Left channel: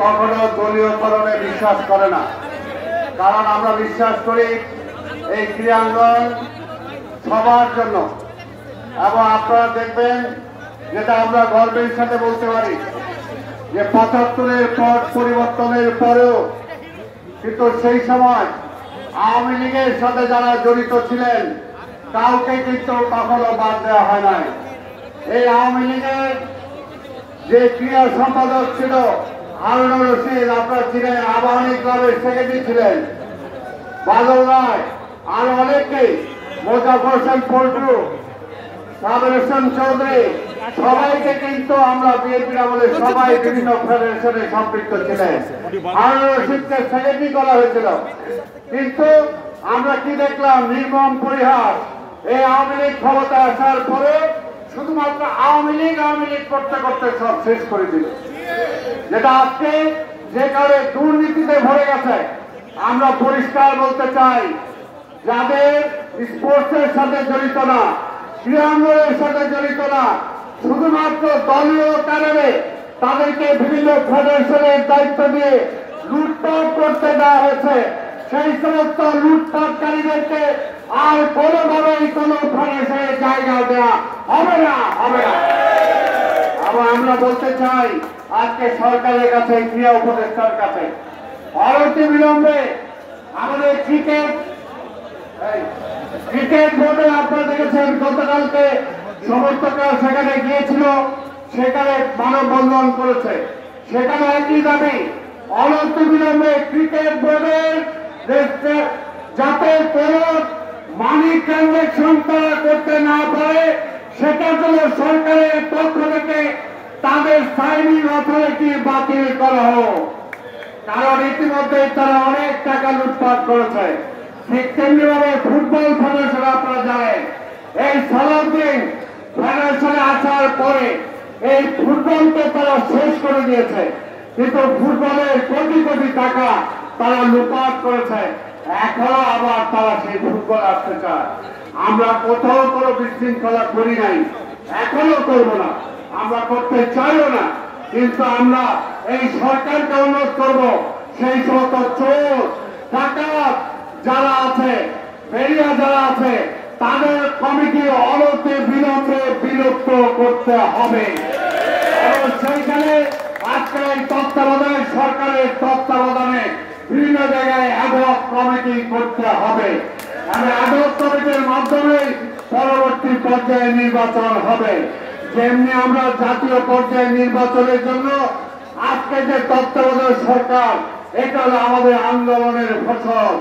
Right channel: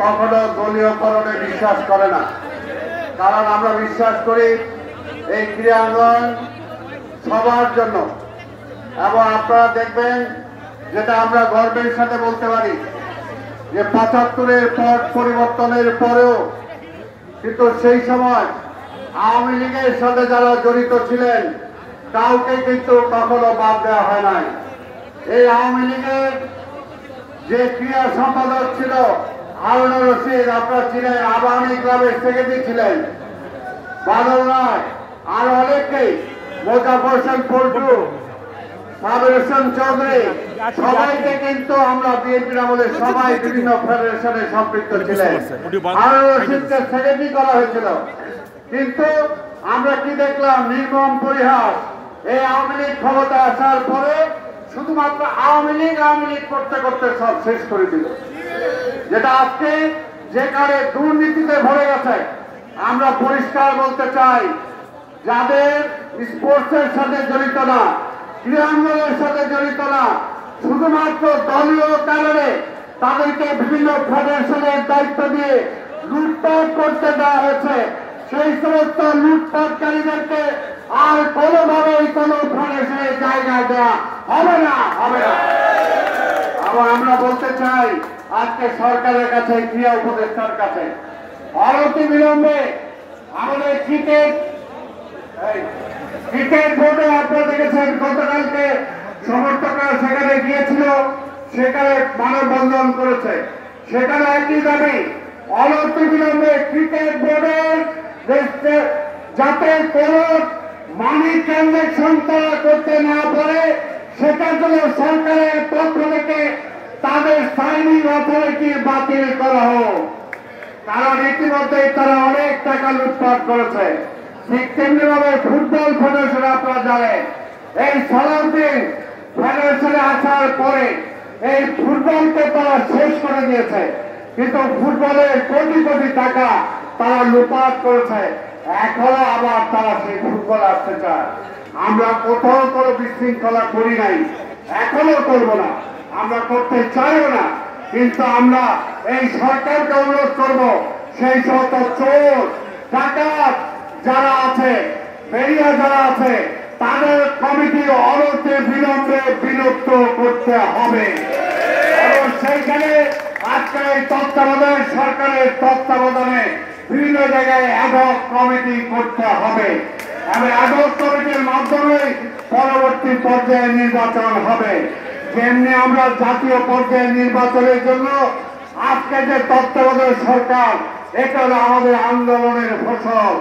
কখনো দলীয়করণে বিশ্বাস করে না, কারণ আমরা বিশ্বাস করি এই ক্রীড়াঙ্গন সবার জন্য। এবং আপনারা দেখবেন, যেটা আমরা গর্বের সাথে বলতে পারি, যে ৭৫-এর পট পরিবর্তনের পরেও কিন্তু সেই সময় আওয়ামী লীগের সাথে যারা জড়িত ছিলেন কাউকে কিন্তু কখনো বাদ দেওয়া হয় নাই। এই আওয়ামী লীগের যে ক্রীড়া সম্পাদক ছিল হারুনুর রশিদ, আপনার ছিলেন, আবাহনী ক্লাবের সেক্রেটারি ছিলেন বাদল রায়, আর অনেকেই, মোজাফর হোসেন পল্টু, সাদর হোসেন চৌধুরী, সবাইকে কিন্তু আমরা বিএনপির আমলে সবাই বিভিন্ন ফেডারেশনে সম্পৃক্ত ছিলেন। হারুনুর রশিদকে সেক্রেটারি করা হয়েছিল, কিন্তু আমরা কি দেখলাম? নির্মম পরিহাস। এই আওয়ামী লীগ ক্ষমতা আসার পরে শুধুমাত্র আওয়ামী লীগ করতে করতে সব শেষ করে দিল। যেটা আজকে যেখানে দুর্নীতিতে ভরে গেছে, আমরা পরিষ্কার বলতে চাই, যাদের স্পোর্টসের সাথে জড়িত না, ক্রীড়াঙ্গনের সাথে জড়িত না, শুধুমাত্র দলীয় কারণে তাদেরকে বিভিন্ন ফেডারেশনের দায়িত্ব দিয়ে লুটপাট করতে দেওয়া হয়েছে, সেই সমস্ত লুটপাটকারীদেরকে আর কোনোভাবেই কোনো ফেডারেশনের জায়গা দেওয়া হবে না। এবং আমরা বলতে চাই আজকে সরকারের কাছে, ক্রীড়া উপদেষ্টার কাছে, অনতিবিলম্বে আমাদের ক্রিকেট বোর্ডে আপনারা দেখেছেন, গতকালকে সমর্থকরা সেখানে গিয়েছিল, সেখানে মানববন্ধন করেছে। সেখানে একই দাবি, অনতিবিলম্বে ক্রিকেট বোর্ডের যাতে কোন মানি ট্রানজাকশন তারা করতে না পারে, সেটার জন্য সরকারের পক্ষ থেকে তাদের সাইনিং অথরিটি বাতিল করা হোক। কারণ ইতিমধ্যেই তারা অনেক টাকা লুটপাট করেছে। ঠিক তেমনি ভাবে ফুটবল ফেডারেশন, আপনারা জানেন, এই সালাউদ্দিন ফেডারেশনে আসার পরে এই ফুটবলকে তারা শেষ করে দিয়েছে, কিন্তু ফুটবলের কোটি কোটি টাকা তারা লুটপাট করেছে। এখনো আবার তারা সেই ফুটবল আসতে চায়। আমরা কোথাও কোনো বিশৃঙ্খলা করি নাই, এখনো করব না, আমরা করতে চাইও না। কিন্তু আমরা এই সরকারকে অনুরোধ করব, সেই সমস্ত চোর ডাকাত যারা আছে, বেরিয়া যারা আছে, তাদের কমিটি অনতিবিলম্বে বিলুপ্ত করতে হবে। এবং সেইখানে আজকে এই তত্ত্বাবধানে, সরকারের তত্ত্বাবধানে বিভিন্ন জায়গায় অ্যাডহক কমিটি করতে হবে। এবং অ্যাডহক কমিটির মাধ্যমে পরবর্তী পর্যায়ে নির্বাচন হবে। যেমনি আমরা জাতীয় পর্যায়ে নির্বাচনের জন্য আজকে যে তত্ত্বাবধায়ক সরকার, এটা হলো আমাদের আন্দোলনের ফসল।